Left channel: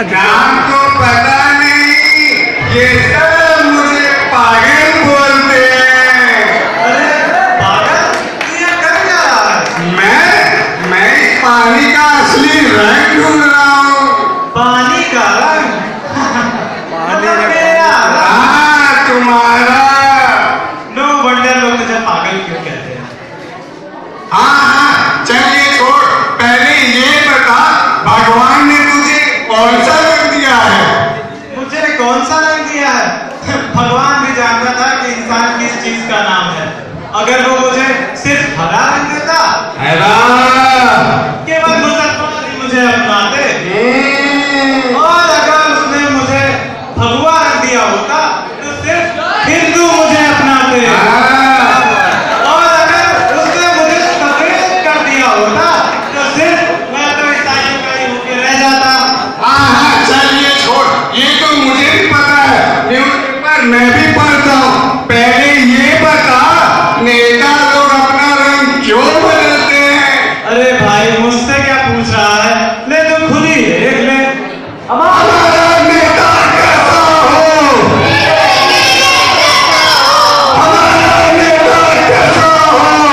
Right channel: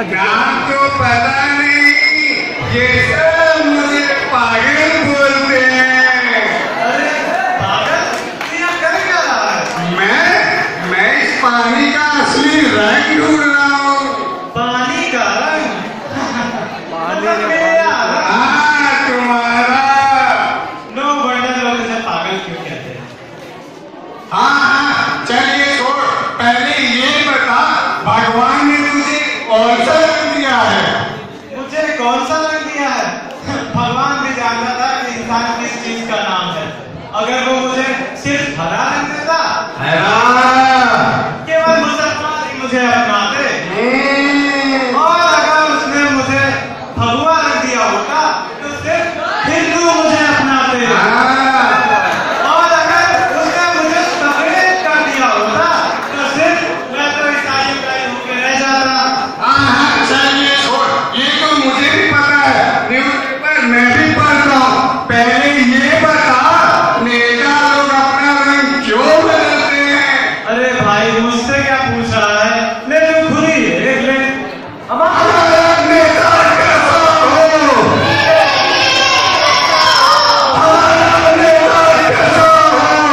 नाम तो पता नहीं, ये सब मुझे पागल बोलते हैं। अरे पागल क्या कर रहा है? मैं इस पानी का असली रंग ढूंढ रहा हूँ। पानी का रंग? पानी तुम्हारा। नो वंडर लोग मुझे पागल क्यों कहते हैं। हाँ चलिए छोड़, पहले ये बता भगवान ने तुझे कौन सा रंग दिया है? मुझे कौन सा रंग दिया है? भगवान भी जानता था कि इंसान किस चीज का नाम है। अगर वो मुझे सिर्फ हरा रंग देता, केवल मुसलमान ही मुझे अपनाते, और अगर उसने मुझे भगवा रंग दिया होता तो सिर्फ हिंदू मुझे अपनाते, और अगर उसने मुझे सफेद कर दिया होता तो सिर्फ मैं तो ईसाइयों का ही होके रह जाता। हाँ चलिए छोड़, ये तो मुझे भी पता है, न्यूज़पेपर मैं भी पढ़ता हूँ। पहले ये बता नेता लोग अपना रंग क्यों बदलते हैं? अरे भाई मुझसे क्या पूछ रहा है, ले तो खुद ही देख ले। हमारा नेता कैसा हो? हमारा नेता कैसा हो?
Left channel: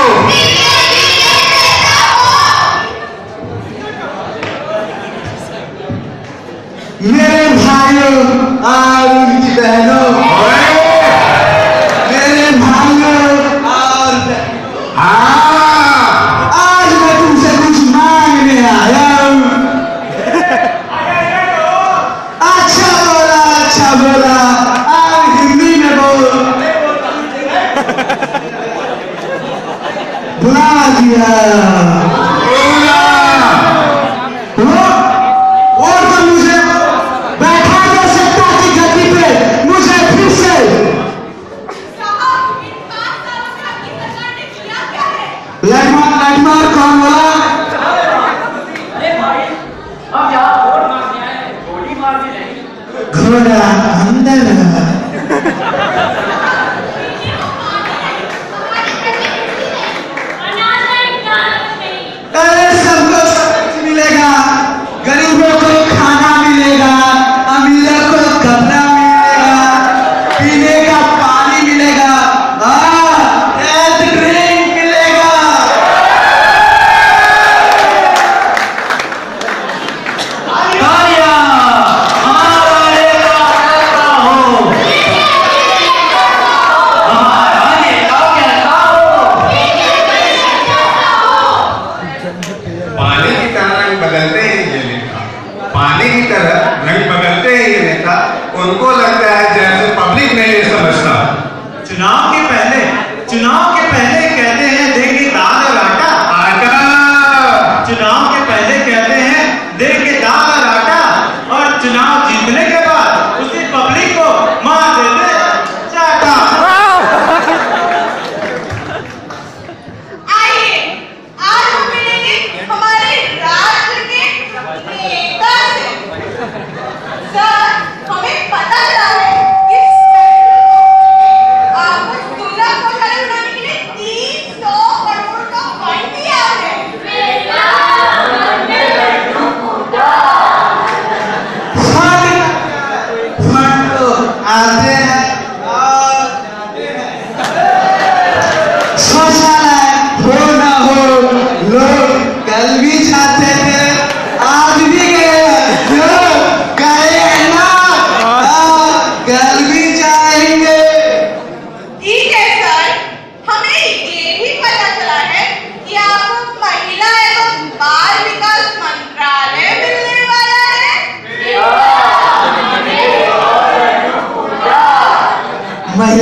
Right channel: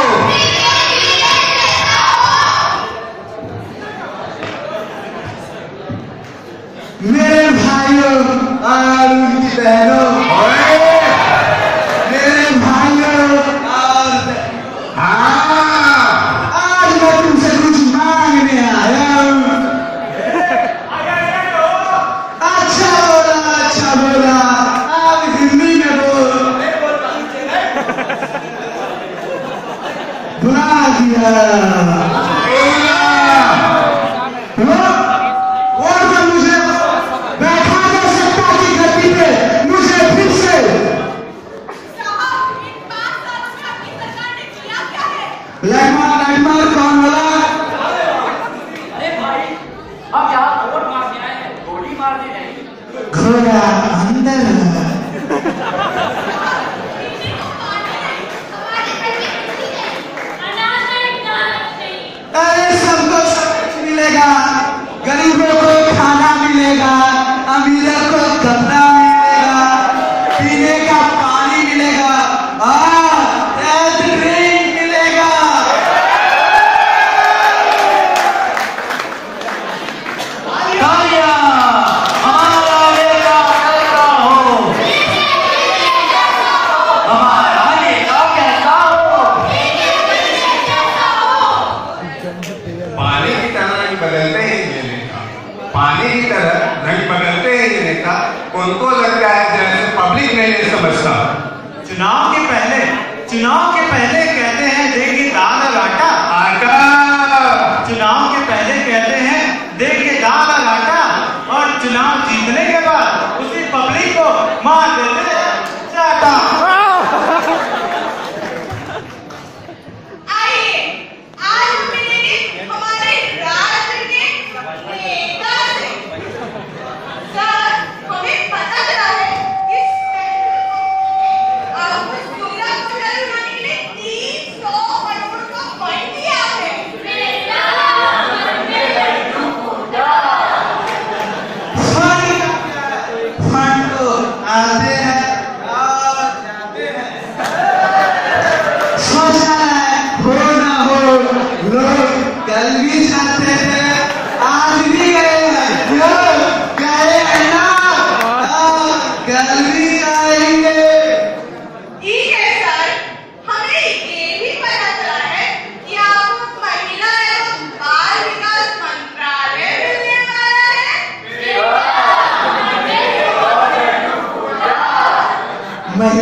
मेरे भाइयों और उनकी बहनों, मेरे भाइयों और हाँ आज मैं तुमसे कुछ मांगने आया हूँ। अच्छा बोला, आज हिंदी में बोल। बुला दिया और तो मुझे बैठा कर सकता थी गद्दी पे, मुझे फिर से लड़मार कौन बोला? अब यहाँ वोट मांगने आए हैं, गोली मारने नहीं। घोड़ा अंदर अरे सबको सब कुछ मिलेगा, गरीबों को खाना मिलेगा, अमीरों को कपड़ा मिलेगा, पीने का पानी मिलेगा, हेल्थ ड्रिंक मिलेगा। पानी की तरह रंग बदलते हैं ये नेता, पानी की तरह रंग बदलते हैं ये नेता। उनको लगता है जैसे पब्लिक नहीं ये समझता। चुनाव के पहले कहते हैं देंगे दाल और आटा। चुनाव के पहले कहते हैं देंगे दाल और आटा, और चुनाव जीतने के बाद उसी पब्लिक को मार देते चाटा।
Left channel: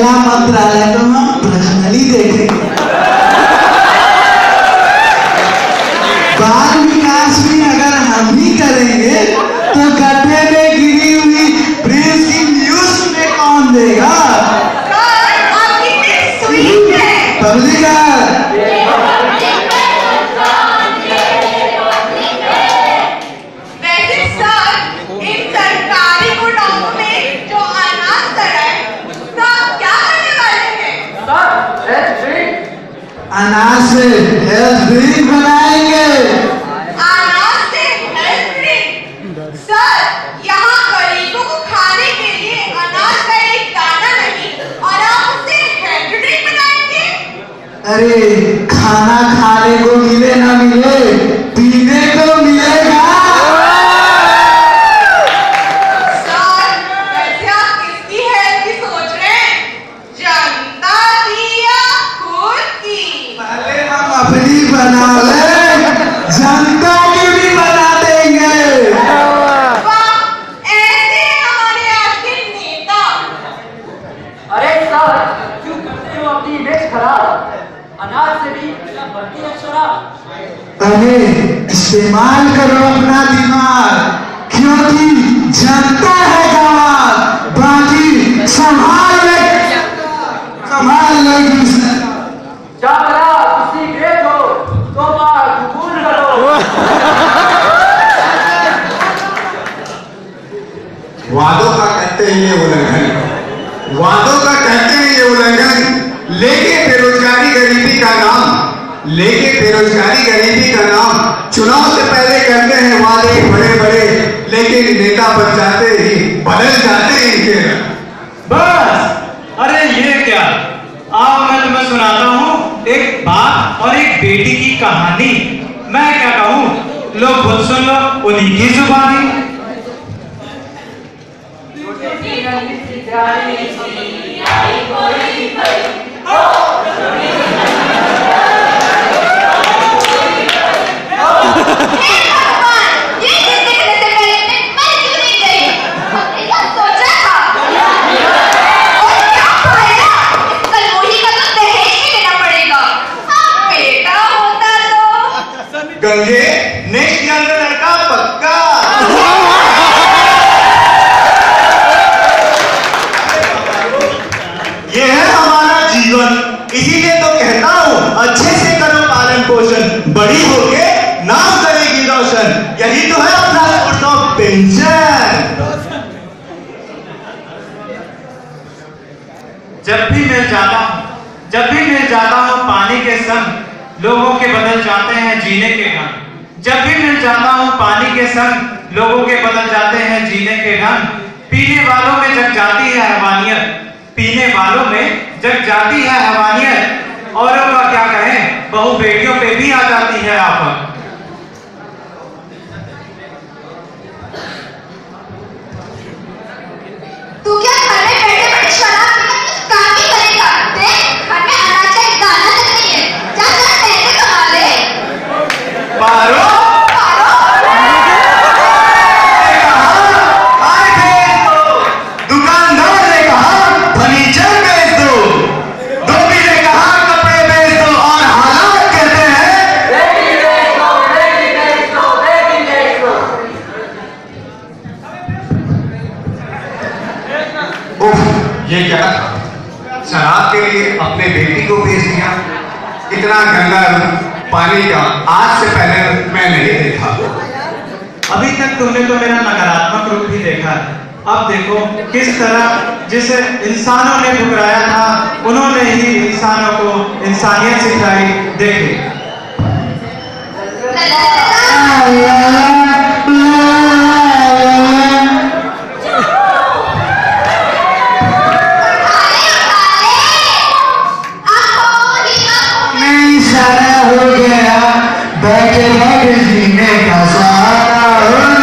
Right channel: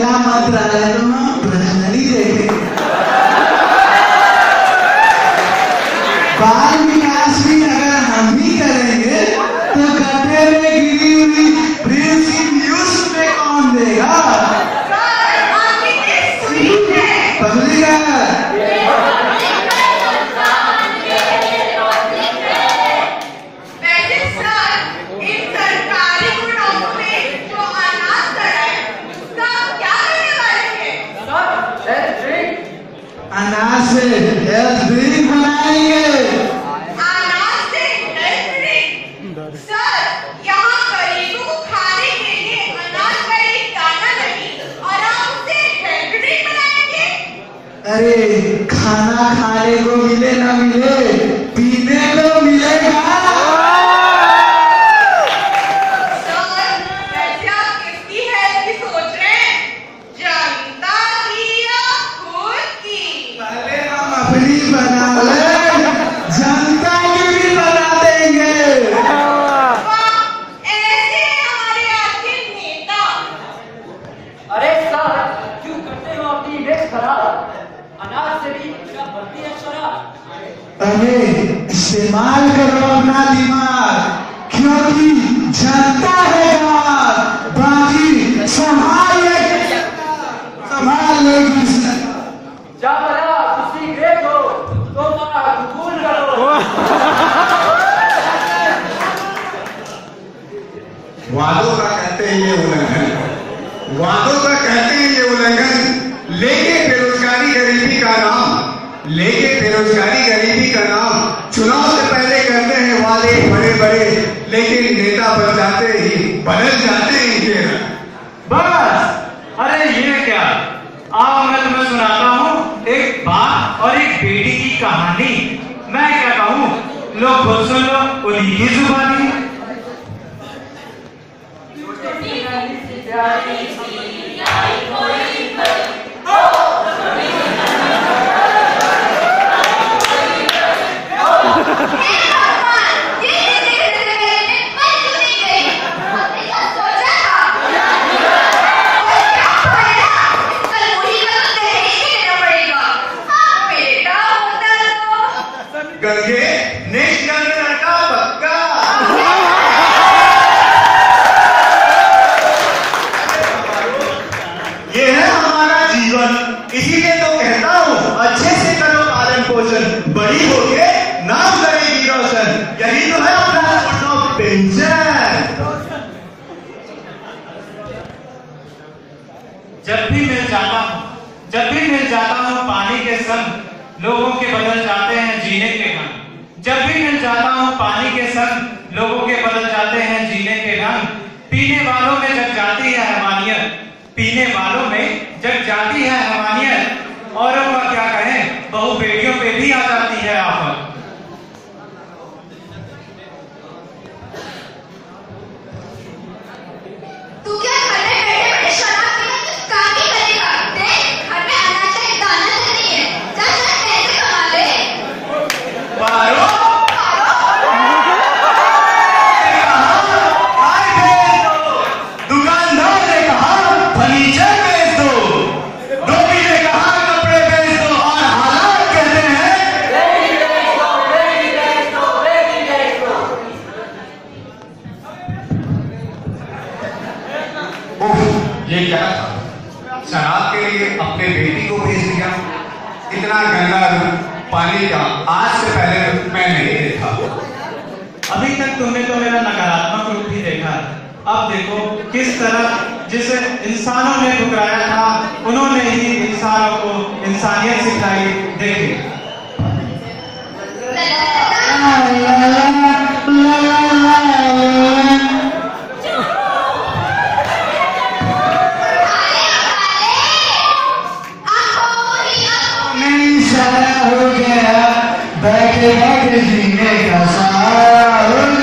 अगला मंत्रालय तो हम पर्सनली देखेंगे। बाल विकास भी अगर हम ही करेंगे तो गड्ढे में गिरी हुई प्रिंस की न्यूज में कौन देगा? पब्लिक अनाज से हेल्थ ड्रिंक बनाएंगे। अनाज से हेल्थ ड्रिंक? सर, यहाँ गरीबों को खाने के लिए अनाज का एक दाना नहीं और आप उससे हेल्थ ड्रिंक बनाएंगे? अरे खाना खाने को मिले ना मिले, पीने को मिलेगा। सर, वैसे आप किसकी हेल्थ की सोच रहे हैं? जनता की या खुद की? पहले हम अपनी बना ले, जनता की भी बना देंगे। वाह, ऐसे हैं हमारे आपके नेता। अरे सर, क्यों करते हो अपनी इमेज खराब? अनाज से भी क्या बनती है शराब? अरे इस्तेमाल करो अपना दिमाग, क्योंकि जनता है गवाह, बाकी संभाल लेगी सरकार। जामरा उसी के दो तो बात कबूल करो। वादों का कहते हैं ये उल्लंघन, वादों का कहते हैं ये उल्लंघन, लेके बेरोजगारी गरीबी का नाम, लेके बेरोजगारी गरीबी का नाम, चुनाव से पहले करते हैं वादे बड़े बड़े, लेकिन नेता बन जाते ही बदल जाते हैं इनके रंग। बस, अरे ये क्या? आओ मैं तुम्हें सुनाता हूँ एक बाप और एक बेटी की कहानी। मैं क्या कहूँ, लोग खुद सुन लो उन्हीं की जुबानी। गंगे नेक्स्ट ईयर में लड़का पक्का। ये है हमारा जीवन, इसीलिए तो कहता हूँ अच्छे से करो पालन पोषण, बड़ी होके नाम करेगी रोशन, यही तो है अपना पेंशन। जब भी मिल जाता हूँ पानी के संग, लोगों के बदल जाते हैं जीने के ढंग। जब भी मिल जाता हूँ पानी के संग, लोगों के बदल जाते हैं जीने के ढंग। पीने वालों में जग जाती है हैवानियत, पीने वालों में जग जाती है हैवानियत, औरों का क्या कहें, बहु बेटियों पे भी आ जाती है आफत। तू क्या घर में बैठे बैठे शराब पीकर काम भी करेगा? देख, घर में अनाज का एक दाना तक नहीं है। जा जा पैसे कमा ले। पारो दुकानदार ने कहा फर्नीचर बेच दो, धोबी ने कहा कपड़े बेच दो, और हालात कहते हैं ये क्या? शराब के लिए अपने बेटी को भेज दिया। इतना गंदा पानी का आज से पहले मैं नहीं देखा। अभी तक तुमने तो मेरा नकारात्मक रूप ही देखा है, अब देखो किस तरह जिसे इंसानों ने ठुकराया था, उन्होंने ही इंसानों को इंसानियत सिखाई। देखिए नहीं सारा हो गया, बैठे बैठे जीने का सारा हो गया।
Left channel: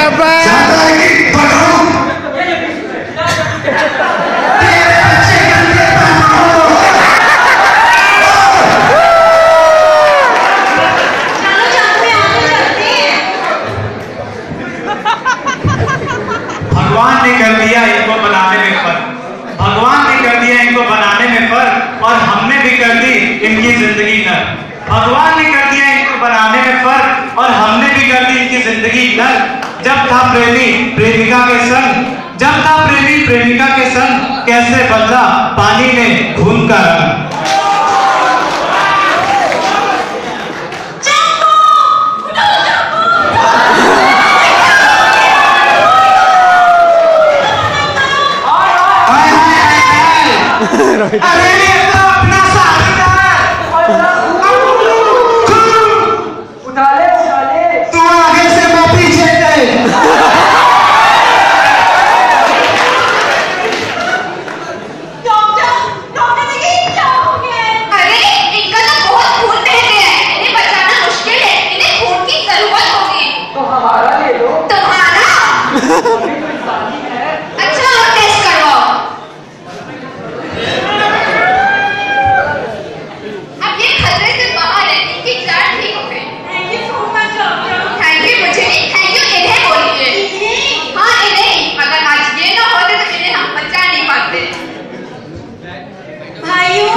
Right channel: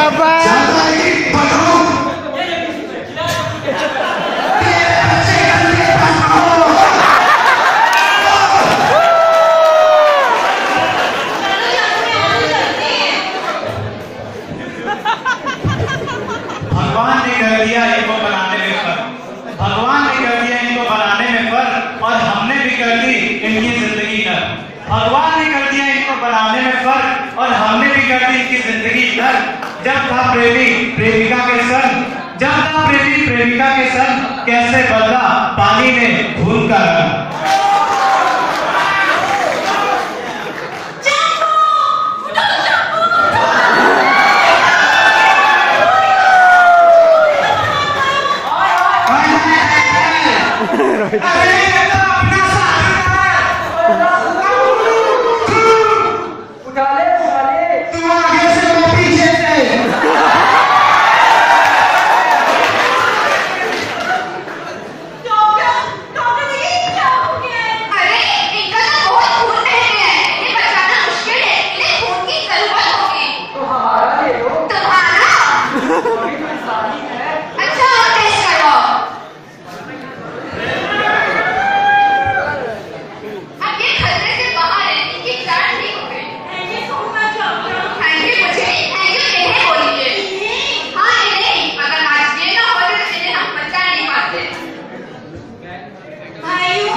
ज्यादा ही बढ़ाओ। भगवान ने कर दिया इनको बनाने में फर्क, भगवान ने कर दिया इनको बनाने में फर्क, और हमने भी कर दी इनकी जिंदगी नर। भगवान ने कर दिया इनको बनाने में फर्क, और हमने भी कर दी इनकी जिंदगी नर। जब था प्रेमी प्रेमिका के संग, जब था प्रेमी प्रेमिका के संग, कैसे बदला पानी ने खून का रंग। अरे ये तो अपना साहिल है। उठा ले तू आगे से वो पीछे से। डॉक्टर जी क्या हो गया? अरे इनका तो बहुत खून बह गया है, इन्हें बचाना मुश्किल है, इन्हें खून की जरूरत होगी। तो हमारा ले लो। तुम्हारा? अभी तो इंसानी है। अच्छा और टेस्ट करवाओ। अब ये खतरे से बाहर है, इनकी जान ठीक हो गई। Thank you so much doctor. Thank you मुझे नहीं, थैंक यू इन्हें बोलिए। हाँ इन्हें, अगर आज ये ना होते तो इन्हें हम बचा नहीं पाते। भाइयों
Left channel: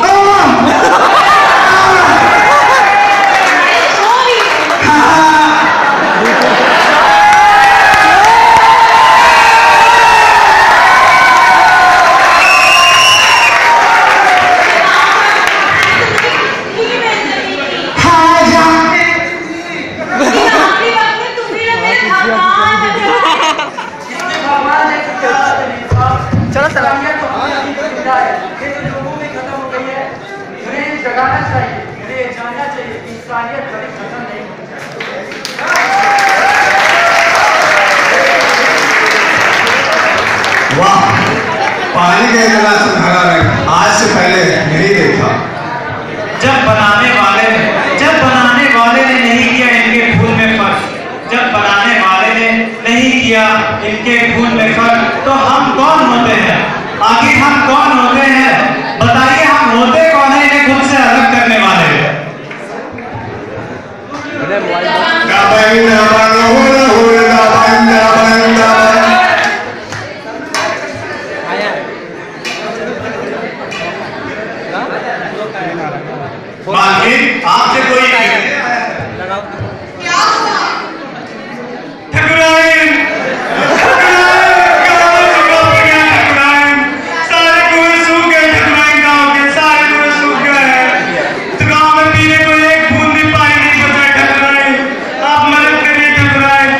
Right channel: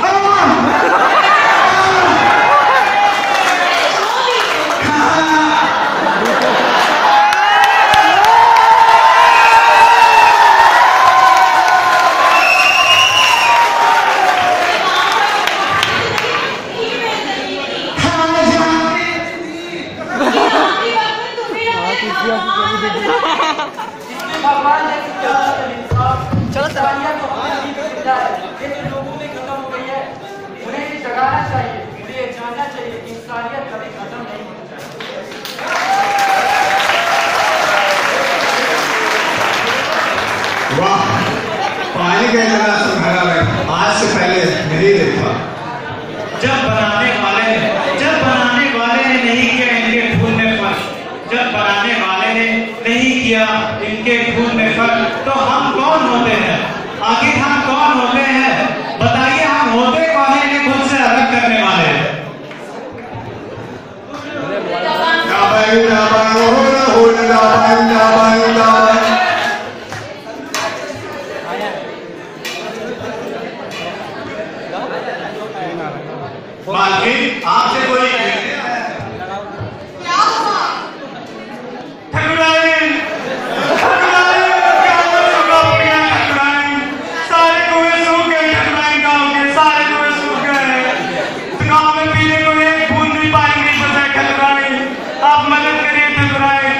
चलो ये तो लोगों में खत्म हो गई है, इन्हें जगाना चाहिए, इन्हें जानना चाहिए कि इंसानियत कभी खत्म नहीं होनी चाहिए। वाह, पानी का गिलास भरा है, आज से पहले नहीं देखा। जब बनाने वाले ने नहीं किया इनके खून में फर्क, जब बनाने वाले ने नहीं किया इनके खून में फर्क, तो हम कौन होते हैं? आखिर हम कौन होते हैं? बताइए, हम होते कौन है इन्हें खुद से अलग करने वाले? मालकिन, आपसे कोई क्या हुआ? ठकुराइन, सारे कुएं सूख गए, ठकुराइन गाँव के सारे कुएं सूख गए। गाँव में पीने को एक बूंद भी पानी नहीं बचा। ठकुराइन, आप मदद करिए ठकुराइन।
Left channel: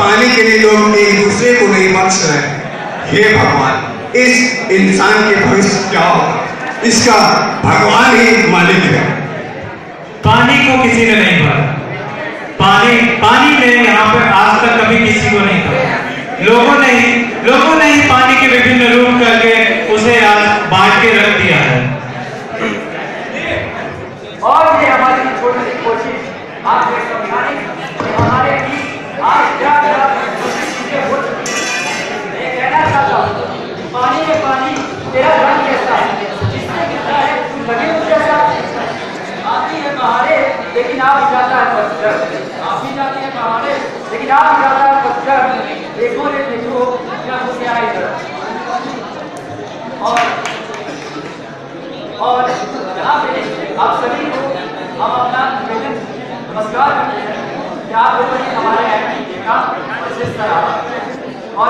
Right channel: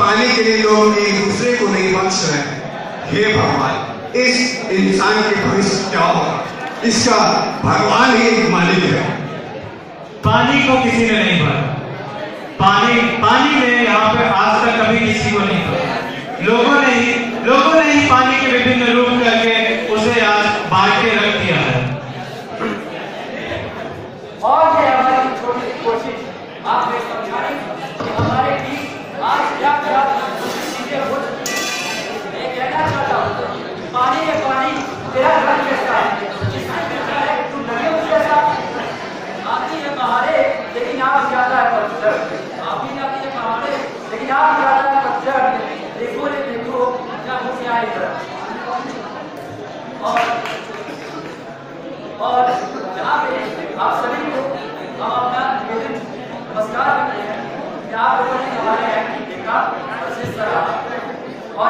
पानी के लिए लोग एक दूसरे को नहीं बख्श रहे। हे भगवान, इस इंसान के भविष्य क्या होगा, इसका भगवान ही मालिक है। पानी को किसी ने नहीं भरा, पानी ने यहाँ पर आज तक कभी किसी को नहीं भरा। लोगों ने ही पानी के विभिन्न रूप करके उसे आज बांट के रख दिया है। और ये हमारी छोटी सी कोशिश आपको समझाने की हमारे बीच आज क्या चीजें हो चुकी हैं। मैं कहना चाहता हूँ, पानी में पानी तेरा रंग कैसा है, जिससे मिलता है तू लगे उस जैसा। आती है बहारे लेकिन आप जाता है पत्थर, आप भी जाती है बहारे लेकिन आप जाता है पत्थर। देखो रे देखो क्या हो गया है इधर। और यहाँ पे आप सभी को हम अपना नमस्कार करते हैं कि आप लोगों ने हमारे एक्टिंग देखा जिस तरह। और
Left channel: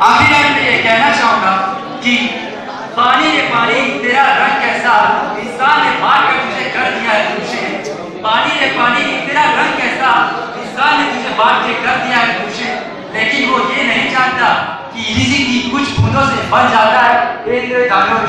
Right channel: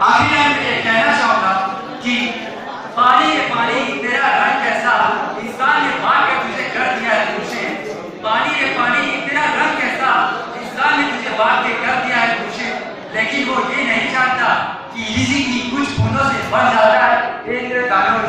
आखिर में ये कहना चाहूँगा कि पानी है पानी तेरा रंग कैसा, इंसान ने मार के तुझे कर दिया है दूषे। पानी है पानी तेरा रंग कैसा, इंसान ने तुझे मार के कर दिया है दूषे। लेकिन वो ये नहीं जानता कि इसी की कुछ बूंदों से भर जाता है एक दानों